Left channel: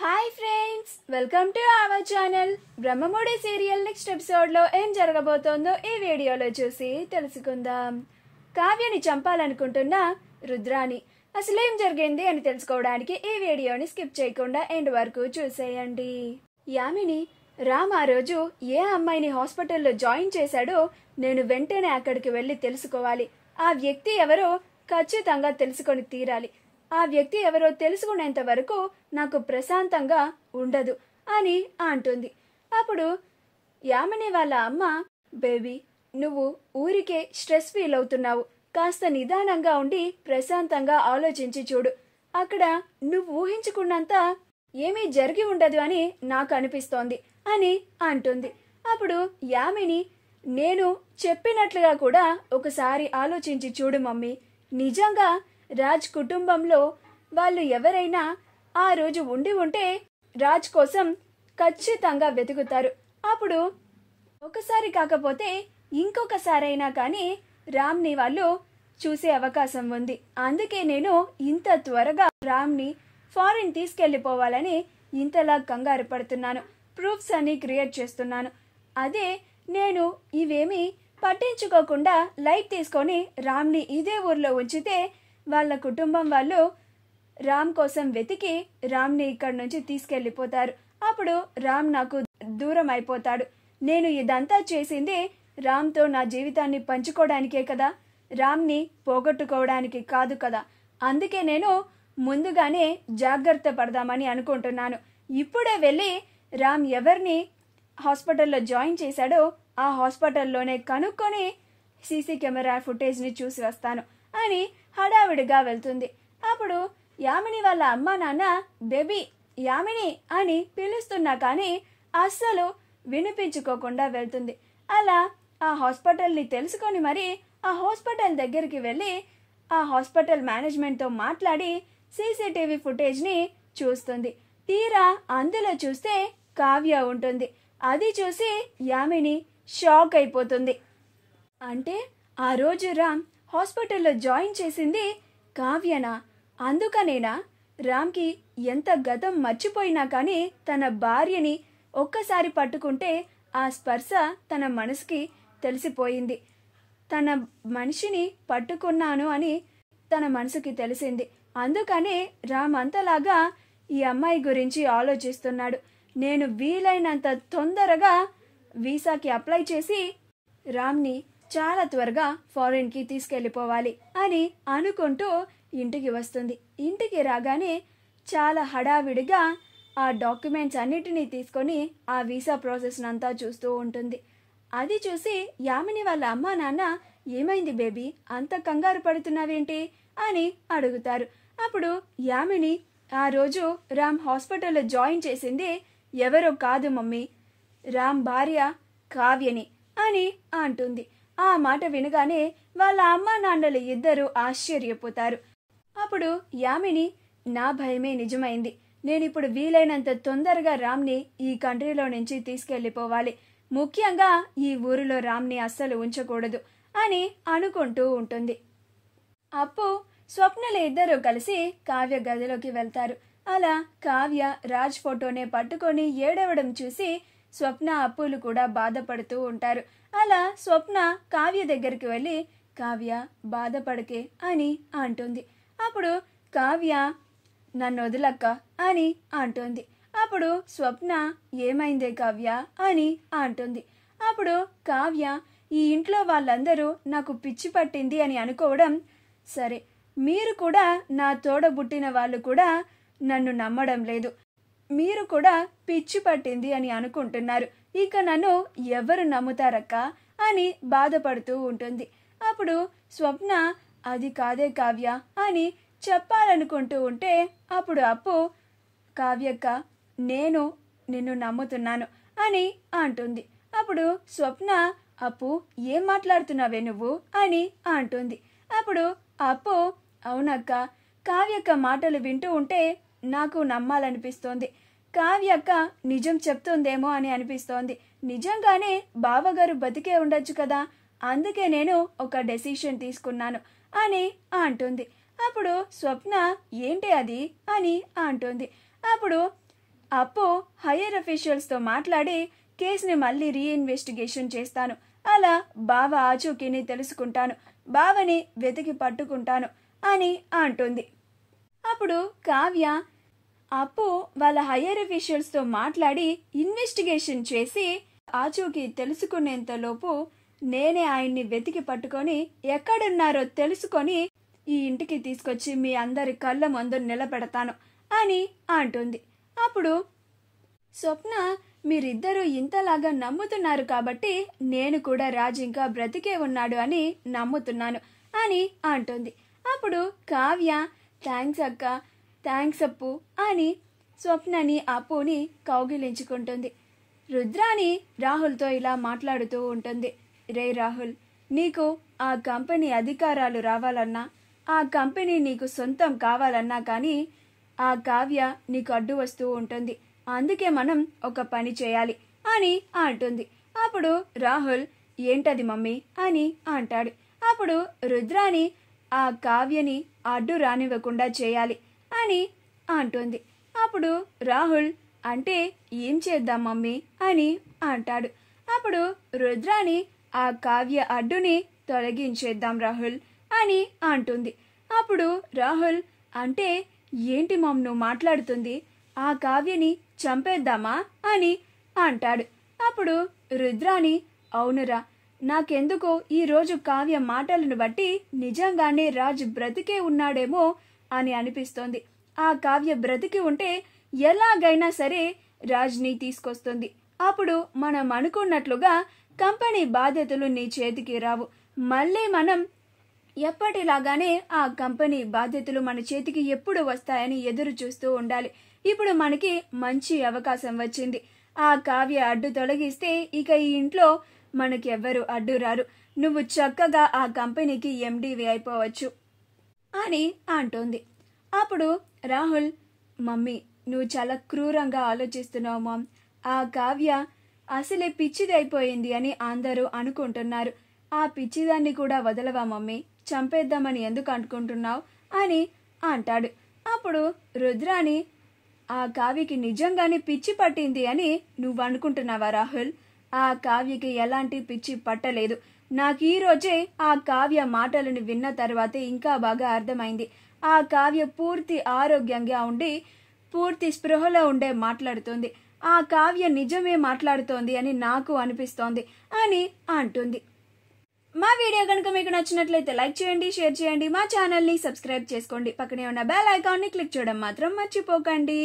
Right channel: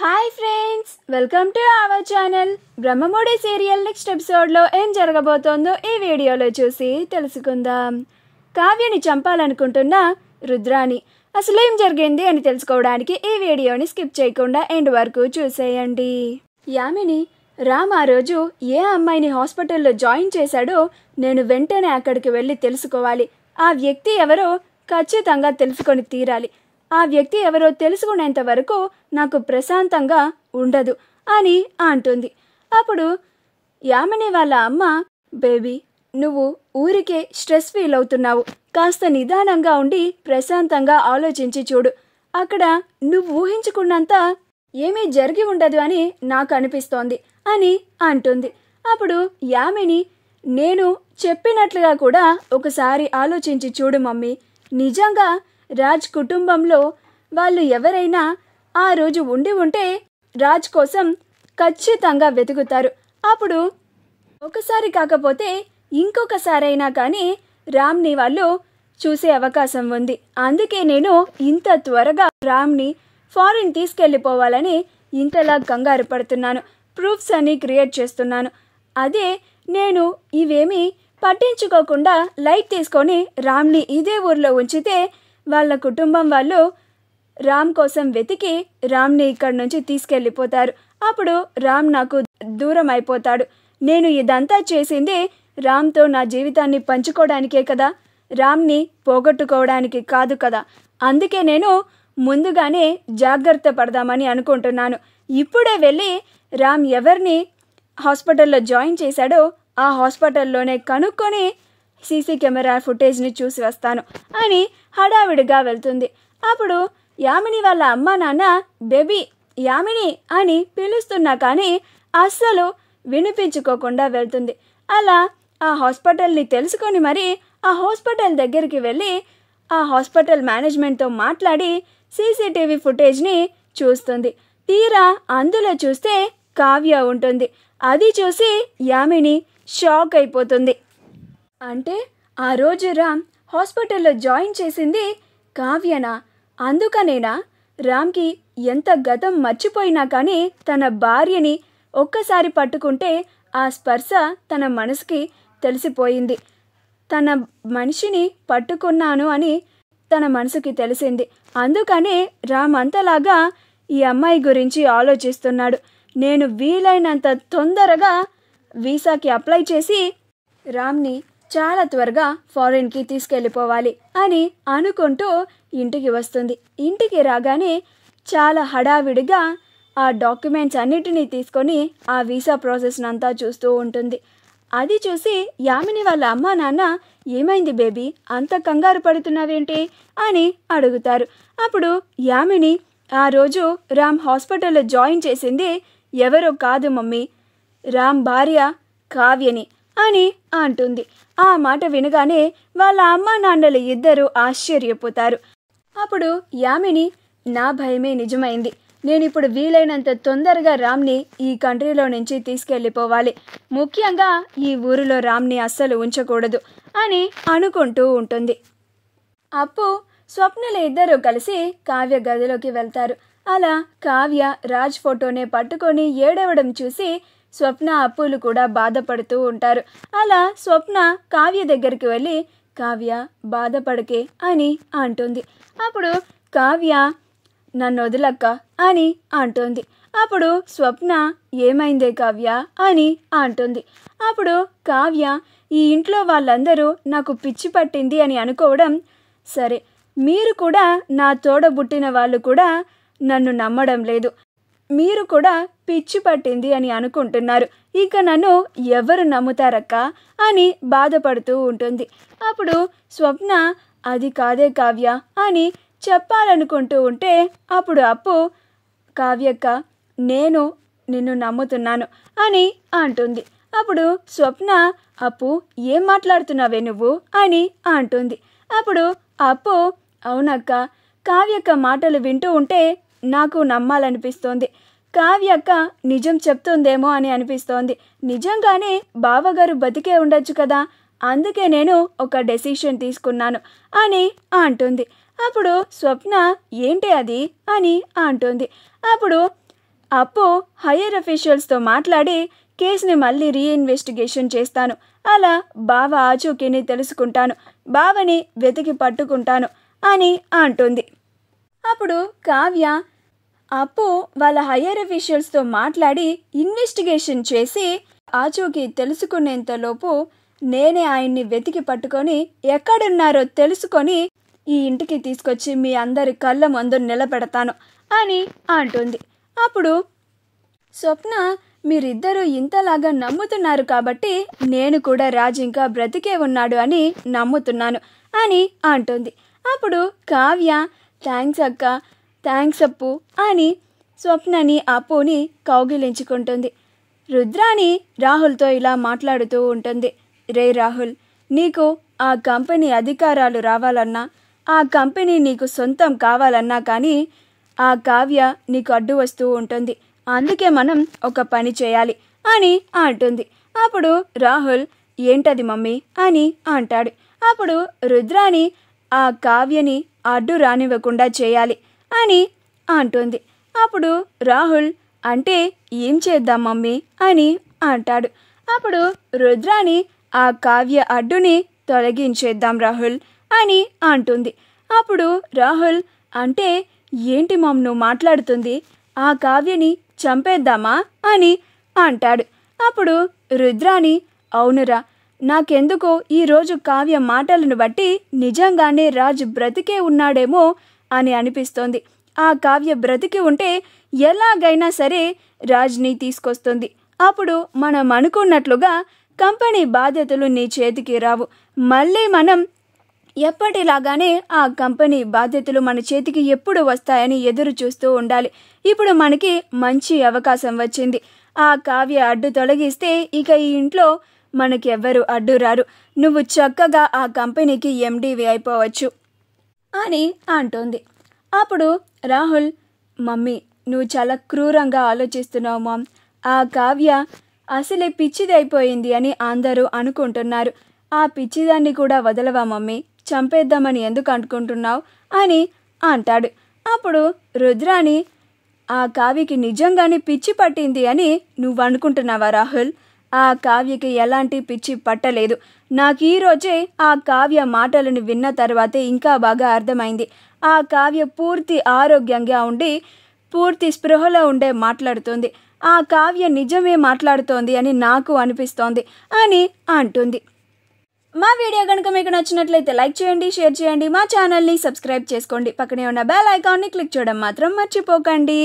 Hi friends, welcome to our channel. Brahmamudi serial next ఎపిసోడ్లో ఏం జరగబోతోందో ఈ వీడియోలో చూసి తెలుసుకుందాం. కావ్యని చంపాలనుకుంటున్న రుద్రాని అసలు ఏం జరిగింది అని తెలుసుకోవడానికి ఈ వీడియోని స్కిప్ చేయకుండా ఎండ్ వరకు చూసేయండి. యామిని, రామ్ ఆ రోజు ఏ అమ్మాయిని హాస్పిటల్లో జాయిన్ చేశాడో నేను వెంటనే అక్కడికి వెళ్ళి తెలుసుకోవాలి. ఆ వ్యక్తి ఎవరో ఖచ్చితంగా తెలుసుకొని తీరాలి. ఆ వ్యక్తి ఎవరో తెలుసుకునేంత వరకు నాకు ప్రశాంతంగా ఉండదు అని అంటుంది. అప్పుడు యామిని వాళ్ళ అమ్మ, బేబీ నువ్వు ఊరికే స్ట్రెస్ ఫీల్ అవుతున్నావు, కాస్త నిదానంగా ఉండి ప్రశాంతంగా ఆలోచించి చూడు, అక్కడ నువ్వు ఊహించుకున్నంత ఏమీ జరిగి ఉండదు అని నాకు అనిపిస్తోంది అని అంటుంది. అప్పుడు యామిని, నేను చెప్పినట్లుగా కూడా ఒకసారి ఆలోచించి చూడు మమ్మీ, నిజంగా రాజ్ కుటుంబంలో వాళ్ళు ఎవరైనా ఆ రోజు ఉండి ఉంటే రాజ్ కోసం ఖచ్చితంగా వెతుకుతారు. అప్పుడు ఒకసారి కాకపోతే ఇంకొకసారైనా కానీ రామ్ని వాళ్ళు చూసే అవకాశం ఉంది. అందుకే నేను ఇంత త్వరగా రామ్ని ఫారిన్ తీసుకెళ్ళిపోవాలని ఇంతలా కంగారు పడుతున్నాను, ప్రూఫ్స్ అన్ని క్రియేట్ చేస్తున్నాను. అదే నేను ఇవేమీ పట్టించుకోకుండా లైట్ తీసుకొని రామ్ని ఇదే ఊర్లో ఉంచితే వాళ్ళ కుటుంబం వాళ్ళు రామ్ కోసం వెతికి రామ్ని ఇక్కడి నుంచి తీసుకెళ్ళిపోతారు. అప్పుడు రామ్ నాకు దూరం అయిపోతాడు. నేను ఇదంతా చేసింది రామ్తో నా జీవితాన్ని పంచుకోవడానికే కదా, రామ్ని పోగొట్టుకోవడానికి కాదు కదా. అందుకే నేను ముందుగానే జాగ్రత్త పడదామని అనుకుంటున్నాను. ఇప్పుడే వెళ్ళి రామ్ ఎవరిని హాస్పిటల్లో జాయిన్ చేశాడో ఆ హాస్పిటల్లోనే కనుక్కొని సీసీ కెమెరా ఫుటేజ్ని చూసి వస్తాను అని హడావిడిగా వెళ్తుంది. అప్పుడు యామిని వాళ్ళ అమ్మ నాన్న బేబీ యామిని అని పిలుస్తున్నా కానీ అస్సలు వినిపించుకోకుండా వెళ్తుంది. అలా ఆ హాస్పిటల్ని తెలుసుకొని మరి ఆ హాస్పిటల్ దగ్గరికి వెళ్ళి ఆ హాస్పిటల్ మేనేజ్మెంట్తో మాట్లాడి సీసీటీవీ ఫుటేజ్ని చూస్తుంది. తీరా అందులో చూస్తే కావ్య ఉంటుంది. అది చూసి యామిని షాక్ అయిపోతుంది. అంటే ఆ రోజు రామ్ హాస్పిటల్లో జాయిన్ చేసింది కావ్యనా? అందుకనేనా రామ్కి ఎంత గతం మర్చిపోయినా కానీ తన భార్యని ఒక్కసారి పట్టుకుంటే ఆ స్పర్శ తన మనసుకి తెలిసిపోయింది. తన మనిషిని పట్టుకున్నాను అని తన మనసుకి తెలిసింది. అందుకనే రామ్ అంతలాగా ఈ అమ్మాయి గురించి ఆలోచిస్తున్నాడు. నేను వీలైనంత తొందరగా వీసాకి అప్లై చేసి రామ్ని చాలా త్వరగా ఫారిన్కి తీసుకెళ్ళిపోవాలి అని అనుకుంటూ ఇంటికి వస్తుంది. ఇంటికి రాగానే చాలా హడావిడిగా ఆ డాక్యుమెంట్స్ అన్నిటినీ తీసుకొని ఆ వీసా ప్రాసెస్ అంతా చూస్తూ ఉంటుంది. అది చూసి యామిని వాళ్ళ అమ్మ నాన్న, ఏమైంది బేబీ, అంత కంగారు పడుతున్నావేంటి అని అడుగుతారు. అప్పుడు యామిని, ఆ రోజు రామ్ హాస్పిటల్లో జాయిన్ చేసింది ఎవరో కాదు మమ్మీ, రామ్ భార్య కావ్యని అని అంటుంది. ఆ మాట వినగానే వాళ్ళ అమ్మ నాన్నలు ఇద్దరు ఆశ్చర్యపోతారు. అప్పుడు యామిని, నా భయమే నిజమైంది, నేనిప్పుడు వీలైనంత తొందరగా రామ్ని ఈ కంట్రీలో నుంచి తీసుకెళ్ళిపోవాలి, ముఖ్యంగా ఈ ఊరిలో రామ్ని అస్సలు ఉంచకూడదు అని అనుకుంటూ ఉంటుంది. అప్పు, స్వప్నల ఇద్దరు కలిసి కావ్య గదిలోకి వెళ్తారు. అలా కావ్య రాజ్ ఫోటోనే పట్టుకొని ఏడవడం చూసి స్వప్న, అప్పులు కూడా బాధపడుతూ ఉంటారు. అలా స్వప్న కావ్య దగ్గరికి వెళ్ళి, కావ్య బాధపడకే అని అంటుంది. అప్పుడు కావ్య, నన్ను వదిలక్క అని అంటుంది. అప్పుడు స్వప్న, ఏమైందే కావ్య అని అంటుంది. అప్పుడు కావ్య, ఈ ఇంట్లో వాళ్ళందరూ నాకు పిచ్చి పట్టింది అని అనుకోవడం సరే, మీరు కూడా నా తోడబుట్టిన వాళ్ళు కూడా నన్ను నమ్మడం లేదు, మీరు కూడా పిచ్చి పట్టింది అని అనుకుంటున్నారు, ఇక నన్ను ఎవరు నమ్ముతారక్క అని బాధపడుతూ ఉంటుంది. అప్పుడు స్వప్న, అది కాదే కావ్య అని చెప్పాలనుకుంటూ ఉంటే అప్పుడు అప్పు, కావ్యక్క, నేను నిన్ను నమ్ముతున్నాను అని అంటుంది. అప్పుడు స్వప్న, అప్పు ఏం మాట్లాడుతున్నావే నువ్వు అని అంటుంది. అప్పుడు అప్పు, అవునక్క, కావ్యక్క మాటలు వింటూ ఉంటే నాకు నమ్మాలనిపిస్తోంది, కావ్యక్క నిజం చెప్తుందేమో అని అనిపిస్తోంది, నిజంగానే బావగారు బతికే ఉండొచ్చు కదా, అందుకే నేను ఒక డెసిషన్ తీసుకున్నాను అని అంటుంది. అప్పుడు స్వప్న, ఏంటి అది అని అంటుంది. అప్పుడు అప్పు హైయర్ అఫీషియల్స్తో మాట్లాడి కేసుని మళ్ళీ రీఇన్వెస్టిగేషన్ చేస్తాను. అలా బావ ఆచూకీని తెలుసుకుంటాను, బావని వెతికి పట్టుకుంటాను అని అంటుంది. అప్పుడు కావ్య అప్పు వాళ్ళ హైయర్ అఫీషియల్స్తో మాట్లాడి ఇన్వెస్టిగేషన్ చేసి ఆచూకీ తెలుసుకునేంతలోపు నేనే ఆయన్ని వెతికి పట్టుకొని ఎక్కడున్నారో తెలుసుకొని ఈ ఇంటికి తీసుకొచ్చి మీ అందరి కళ్ళ ముందు నిలబెడతాను అని అంటుంది. అప్పుడు స్వప్న, మీరిద్దరూ ఇంతలాగా నమ్ముతున్నారు కాబట్టి నేను కూడా రాజు ఇంకా బ్రతికే ఉన్నాడు అని నమ్ముతున్నాను అని అంటుంది. అప్పుడు కావ్య థ్యాంక్స్ అక్క, థ్యాంక్స్ అప్పు అని స్వప్నని అప్పుని కౌగిలించుకుంటుంది. రుద్రాణి రాహుల్తో ఇలా మాట్లాడుతూ ఉంటుంది. రే రాహుల్, నీకు ఆ కంపెనీ అధికారాలు రావాలన్నా, ఆ కంపెనీ నీకు సొంతం కావాలన్నా కానీ ఆ కావ్య నీకు అడ్డు వస్తూ ఉంటుంది. అందుకే మనం ఒక పని చేయాలి అని అంటుంది. అప్పుడు రాహుల్ ఏంటది మమ్మీ అని అంటాడు. అప్పుడు రుద్రాణి ఆ కావ్యని అడ్డు రానివ్వకుండా చేయాలి అని అంటుంది. అప్పుడు రాహుల్ అంటే ఏం చేద్దాం మమ్మీ అని అంటాడు. అప్పుడు రుద్రాణి ఆ కావ్య అడ్డుని తొలగించేద్దాం రాహుల్ అని అంటుంది. అప్పుడు రాహుల్ అంటే ఏంటి మమ్ నువ్వు మాట్లాడుతుంది, ఆ కావ్యని చంపేద్దామా అని అంటాడు. అప్పుడు రుద్రాణి అవునురా, నాకెందుకో ఈరోజు కావ్య మాటలను బట్టి నిజంగానే రాజు బ్రతికే ఉన్నాడేమో అని అనిపిస్తోంది. ఆ కావ్య బ్రతికి ఉంటే ఎలాగైనా సరే రాజ్ని తీసుకొస్తుంది. అప్పుడు మనం అనుకున్నట్లుగా కంపెనీ బాధ్యతలు నీ చేతికి రావు. మళ్ళీ మనం ఎప్పటిలాగానే ఆ కంపెనీ బాధ్యతలు మన చేతికి ఎప్పుడు వస్తాయని ఎదురు చూస్తూ ఉండాలి. ఇప్పుడు మనకి మంచి అవకాశం వచ్చింది. ఆ కావ్య అడ్డు తొలగిస్తే ఇక ఈ ఇంట్లో మనకెవ్వరు అడ్డు రారు. నువ్వు చక్కగా ఆ కంపెనీకి ఎండీవి అయిపోవచ్చు అని అంటోంది. అప్పుడు రాహుల్ మమ్మీ నువ్వు చాలా క్రూరంగా ఆలోచిస్తున్నావు మామ్. ఆ కావ్య అసలే పిచ్చిది అయిపోయింది అని అందరూ అనుకుంటున్నారు. ఆ పిచ్చిదాన్ని కూడా వదలవా మమ్మీ, చంపేద్దామని ఎందుకు అనుకుంటున్నావు అని అంటాడు. అప్పుడు రుద్రాణి ఆ కావ్యకి నిజంగానే పిచ్చి పట్టింది అని నువ్వు అనుకుంటున్నావా రాహుల్? ఆ కావ్యకి ఎలాంటి పిచ్చి పట్టలేదు. నాకు ఈరోజే ఆ కావ్య మాటలను విన్న తర్వాతే ఇంకా బాగా అర్థమైంది. ఆ కావ్య పూర్తి ఆరోగ్యంగా ఉండి పూర్తి స్పృహలో ఉండే మాట్లాడుతుంది. ఆ కావ్య నిజమే మాట్లాడుతోంది అని నాకు అనిపిస్తోంది అని అంటుంది. మా వీడియో కనుక మీకు నచ్చినట్లయితే లైక్ చేయండి, షేర్ చేయండి, మా ఛానల్ని సబ్స్క్రైబ్ చేసుకోండి. పక్కనే ఉన్న బెల్ ఐకాన్ని క్లిక్ చేయడం మాత్రం మర్చిపోకండి.